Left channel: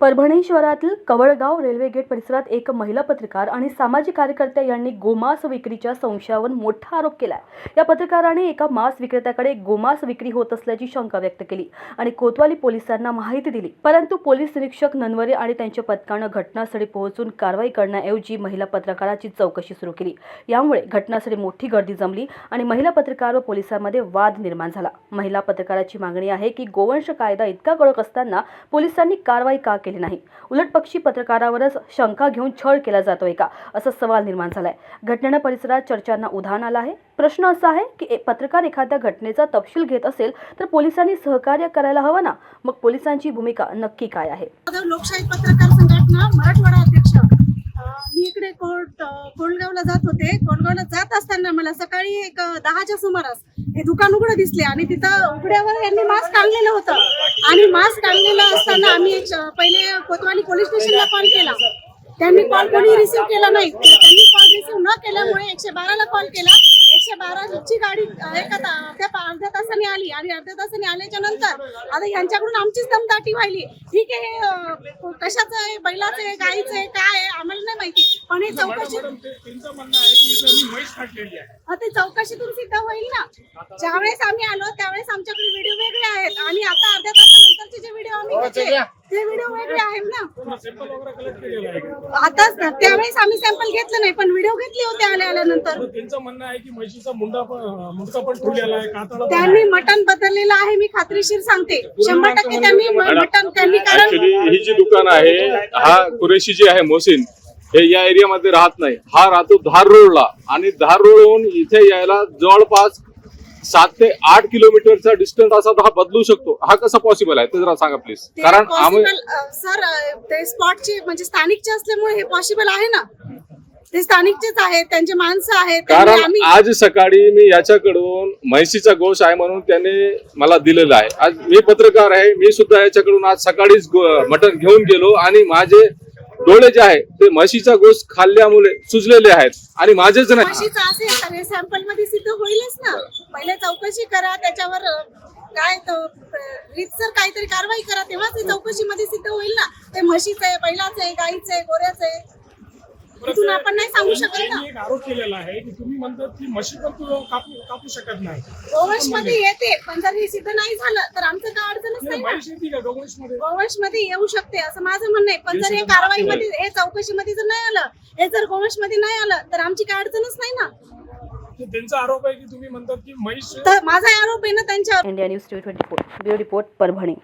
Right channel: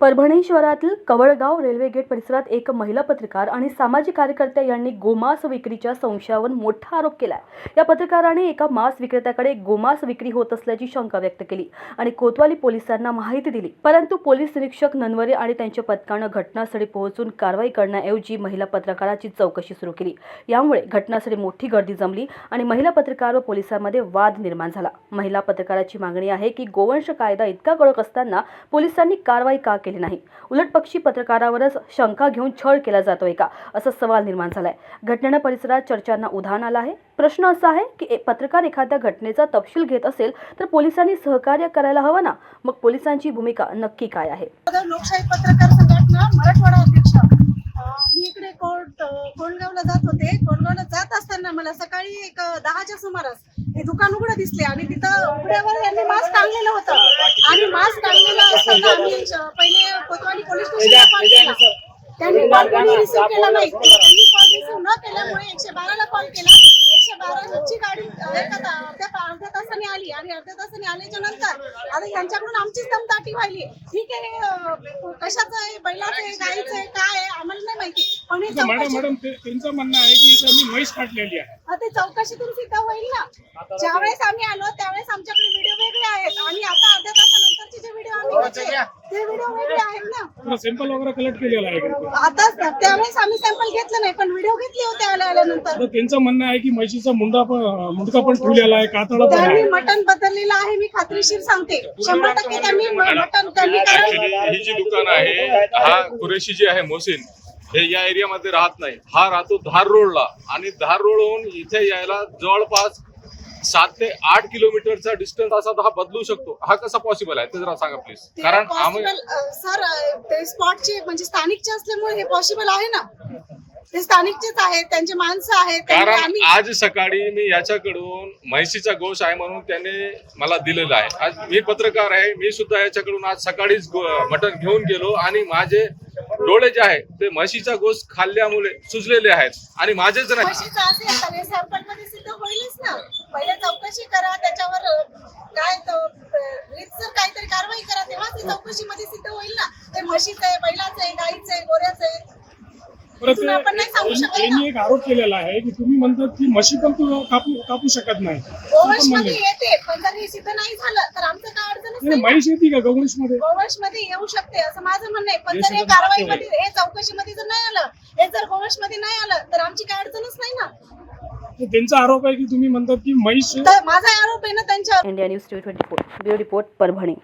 परभणी शहरातील कवळगाव railway gate परिसरात एक महिला पत्रकार आणि सामाजिक कार्यकर्त्या यांनी गोमांस विक्रीच्या संशयावर मोठा आरोप केला या पत्रकाराने एका मांस विक्रेत्याकडे गोमांस विक्री होत असल्याची शंका व्यक्त केली आणि कोतवाली पोलिसांना माहिती दिली. परंतु पोलीस निरीक्षक ननवरे आणि त्यांच्या पथकानं घटनास्थळी पोहोचून कारवाई करण्याऐवजी महिला पत्रकाराची चौकशी सुरू केली. यामुळे घटनास्थळी मोठी गर्दी जमली आणि महिला पत्रकार व पोलिसांमध्ये वाद निर्माण झाला. महिला पत्रकाराची मागणी आहे की गोवंश कायदा इतका कडक असताना पोलिसांनी कारवाई का केली? नाही. उलट पक्षी पत्रकारावरच शंका घेऊन छळ केला जातोय का असा सवाल निर्माण झालाय. घटनेनं परिसरात चर्चांना उधाण आलं आहे. प्रश्न असा आहे की पत्रकार एखाद्या घटनेचा तपशील घेत असेल तर पोलिसांनी सहकार्य करायला हवं ना? मग पोलिसांची भूमिका नक्की काय आहे? लोकशाही पत्रकार संघटना मराठवाडा अध्यक्ष मी इकडे कोर्ट कोंडगावला जात होते. कोंडगावला जात असताना मला सकाळी एक दहाच्या सुमारास हे दुकान उघडं दिसले आणि तिथं उघड्यावर यांनी मास्क टांगलेलं होतं. आणि मास्क टांगलेलं असताना आम्ही पहिले कोतवाली पोलीस स्टेशनला कॉल केला. त्यांनी कॉल कोणी रिसिव्ह केला नाही. त्यांनी कॉल रिसिव्ह न केल्यामुळे एकशे बाराला कॉल केला. एकशे बाराची गाडी एका अर्ध्या तासाने आली आणि अर्ध्या तासाने आल्याच्यानंतर आता यांच्याकडून आमचीच दमदाटी व्हायली. ठीक आहे कशाचं आहे बैलाचं आहे गाईचं आहे काय आहे आम्हाला नाही माहिती. पण हे चौकशी ते चौकशीतून सिद्ध होईल ना. ज्यावेळेस आम्ही आलो त्यावेळेस आमच्याकडे व्हिडिओ वेगळे आहेत आणि आता तासानंतरचे जे व्हिडिओ आम्ही घेतले ते व्हिडिओ वेगळे आहेत ना. सॅम्पल वगैरे कलेक्ट केलेला आहे? आताच ना त्यावेळेस आम्ही सॅम्पल घेतलं नाही पण व्हिडिओ घेतले होते आल्या आल्यानंतर. तर त्यांचं म्हणणं आहे की म्हशीचा मुंडा पण मुंडका पण ठेवलेला आहे त्यांनी मटण बदललेलं आहे मी खात्रीशीर सांगते. शंभर टक्के त्यांनी म- मटण त्यांनी कारण ही जी दुकान आहे हा कुरेशी जी आहे मोहसिन हे या एरियामध्ये राहत नाही. हा राहतो धार रोडला. आणि धार रोडहून इथे यायला जवळपास सात ते आठ किलोमीटरचा डिस्टन्स असा तो हा बदलू शकतो. हा कसा पॉसिबल आहे? ते जरा सांगा प्लीज कारण आम्ही पॉसिबल सर ते स्पॉटचे म्हणजे स्थानिकचे असल्यामुळे हे पॉसिबल आहे ना? ते स्थानिकचेच आहेत त्यांचे माणसं आहेत त्यांनी कारण आम्ही आज सकाळी मी याच्याकडून म्हैसीचा गोश आहे म्हणून त्याने मला दिलेला आहे. आज मी पत्रकार आहे मी सुद्धा याच्याकडून आज सकाळीच गो- मटण घेऊन गेलो आणि माझे डोळे जे आहे ते म्हशीचा गोश खाल्ल्यामुळे सुजलेले आहेत. आणि माझेच नाही. म्हशीचं असेल तर हे सॅम्पलमध्ये सिद्ध होईलच ना? पहिले चौकशी करा त्याच्यावर काय रीतसर काहीतरी कारवाई करा तेव्हाच ते चौकशी मध्ये सिद्ध होईल ना. ते म्हशीचं आहे बैलाचं आहे गाईचं आहे गोऱ्याचं आहे. परत इथून आपण नाही सांगू शकत ना. त्यांनी एक आरोप केलेला आहे की तुम्ही म्हणतात की म्हशी पण तू कापू कापू शकत नाही. गोवंशमध्ये येते पण जर हे सिद्ध नाही झालं तर आमचं काय अडचणच नाही ना म्हैस येते का गौरीशमध्ये गोवंशमध्ये येऊ शकते असं माझं म्हणणं आहे. पण जर हे कारवाई मध्ये हे चौकशी मध्ये जर नाही आलं हे जर गोवंशमध्ये नाही आलं तर आमची काय अडचणच नाही ना. त्यांचा आरोप आहे की तुम्ही म्हणतात की म्हैस तर माझा आरोप आहे ना त्यांच्यावर. India news T twenty four bureau report Parbhani.